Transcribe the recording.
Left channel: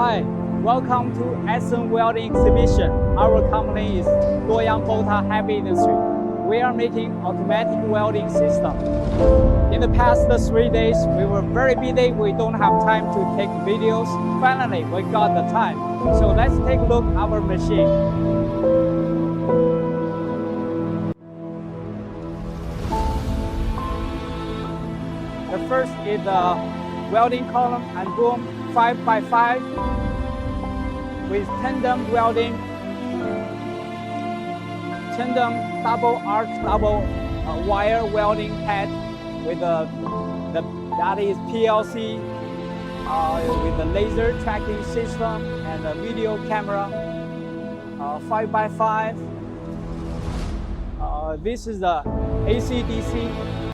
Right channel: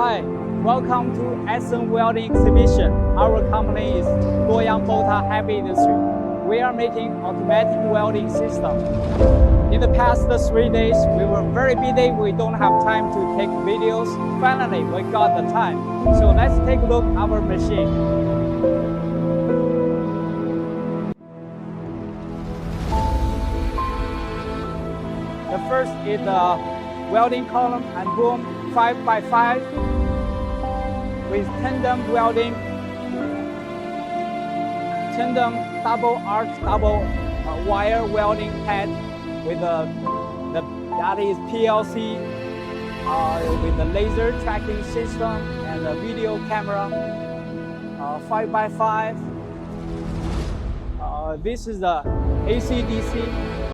Hi, welcome to Essen welding exhibition. Our company is Luoyang BOTA Heavy Industry. We are making automatic welding system. In the past 3 days, we were very busy. We don't have time to take videos. Finally, we got the time. So let's take a look at our machine. The first is the welding column and boom 5x5 with tandem welding, tandem double arc double wire welding head with that is PLC with the laser tracking system and the video camera. 5x5. This is the AC/DC